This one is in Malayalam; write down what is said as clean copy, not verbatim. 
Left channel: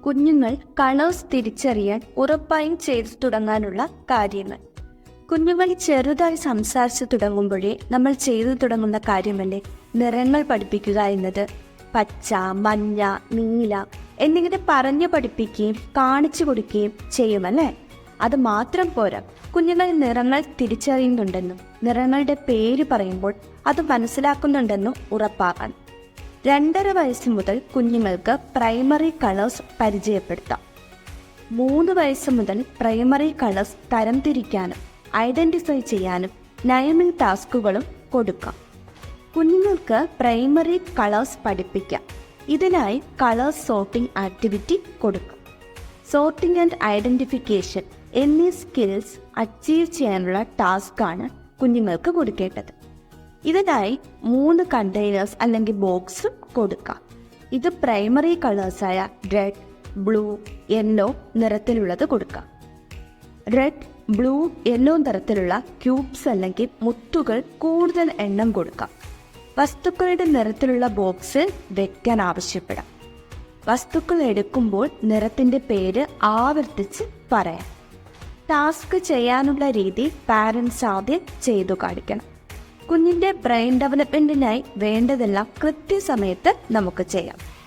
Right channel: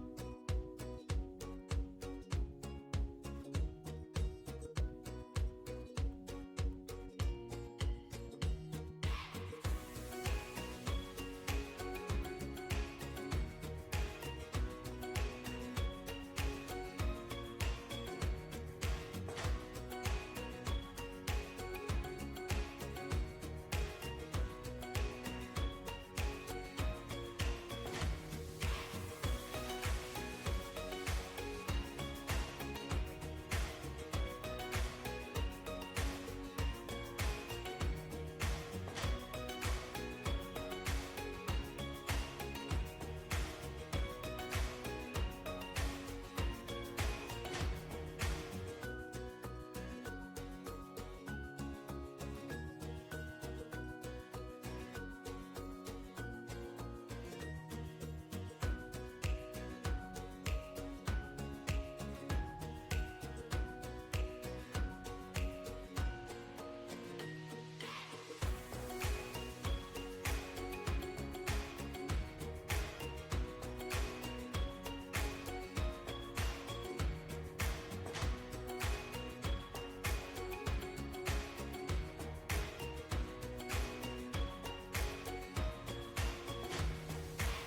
കുഞ്ഞുങ്ങൾ കളേഴ്സ് തിരിച്ചറിയാൻ ഉറപ്പായും ചെയ്തു തുടങ്ങാനുള്ള കാര്യങ്ങൾ. കുഞ്ഞുങ്ങൾ ചെറുതായി സംസാരിച്ചു തുടങ്ങുമ്പോഴേ നമ്മൾ ചെയ്തു തുടങ്ങുന്ന കാര്യമല്ലേ നിറങ്ങൾ പഠിപ്പിക്കുക എന്നത്. പച്ച, മഞ്ഞ, നീല എന്നിങ്ങനെ പറഞ്ഞു പഠിപ്പിക്കുകയും കാണിച്ചു കൊടുക്കുകയും ചെയ്യുമല്ലേ. അത് മാത്രം പോരാ, കുഞ്ഞുങ്ങൾ നിറങ്ങൾ തിരിച്ചറിയുന്നുണ്ടെന്നും നിറങ്ങളുടെ പേര് പറയുമ്പോൾ അത് മനസ്സിലാക്കുന്നുണ്ടെന്നും ഉറപ്പാക്കണം. 2.5 വയസ്സ് മുതൽ കുഞ്ഞുങ്ങൾക്ക് പ്രൈമറി കളേഴ്സ് പരിചയപ്പെടുത്താം. 3 വയസ്സ് മുതൽ പ്രൈമറി കളേഴ്സ് തരംതിരിക്കാനും ഐഡന്റിഫൈ ചെയ്യാനും നയമിംഗ് ടാസ്കുകളും കൊടുക്കാം. കുഞ്ഞുങ്ങൾക്ക് പ്രൈമറി കളേഴ്സ് പഠിപ്പിക്കാം. ഇതിനായി കളേഴ്സ് സോർട്ടിംഗ് ആക്ടിവിറ്റി കൊടുക്കും. സോർട്ടിംഗ് ആൻഡ് ഐഡന്റിഫിക്കേഷൻ എന്നീ സ്കിൽസ് അച്ചീവ് ചെയ്യാനുള്ള ടാസ്ക്കാണ് കുഞ്ഞുങ്ങൾക്ക് കൊടുക്കേണ്ടത്. ഇതിനായി 3 കണ്ടെയ്നേഴ്സ് അല്ലെങ്കിൽ ബോക്സ് കൊടുക്കാം. ഇത് പ്രൈമറി കളേഴ്സായ റെഡ്, ബ്ലൂ, യെല്ലോ നിറത്തിലുള്ളത് കൊടുക്കാം. റെഡ്, ബ്ലൂ, യെല്ലോ നിറത്തിലുള്ള ക്യൂബ്സ് അല്ലെങ്കിൽ മുത്തുകൾ കൂടുതൽ എണ്ണം കൊടുക്കാം. വസ്തുക്കളുടെ നിറത്തിലുള്ള ബോക്സ് വെക്കാൻ ആവശ്യപ്പെടാം. വസ്തുക്കൾ എടുക്കുമ്പോൾ നിറത്തിൻ്റെ പേര് ആവർത്തിച്ച് പറയാം. ടാസ്ക് ചെയ്യാനുള്ള രീതി പാരൻസ് ആദ്യം ചെയ്തു കാണിക്കണം. കുഞ്ഞിൻ്റെ ബ്രെയിൻ ഡെവലപ്മെൻറ്റിനായി വേണ്ടതെല്ലാം കൃത്യസമയത്ത് നമുക്ക് ചെയ്യാം.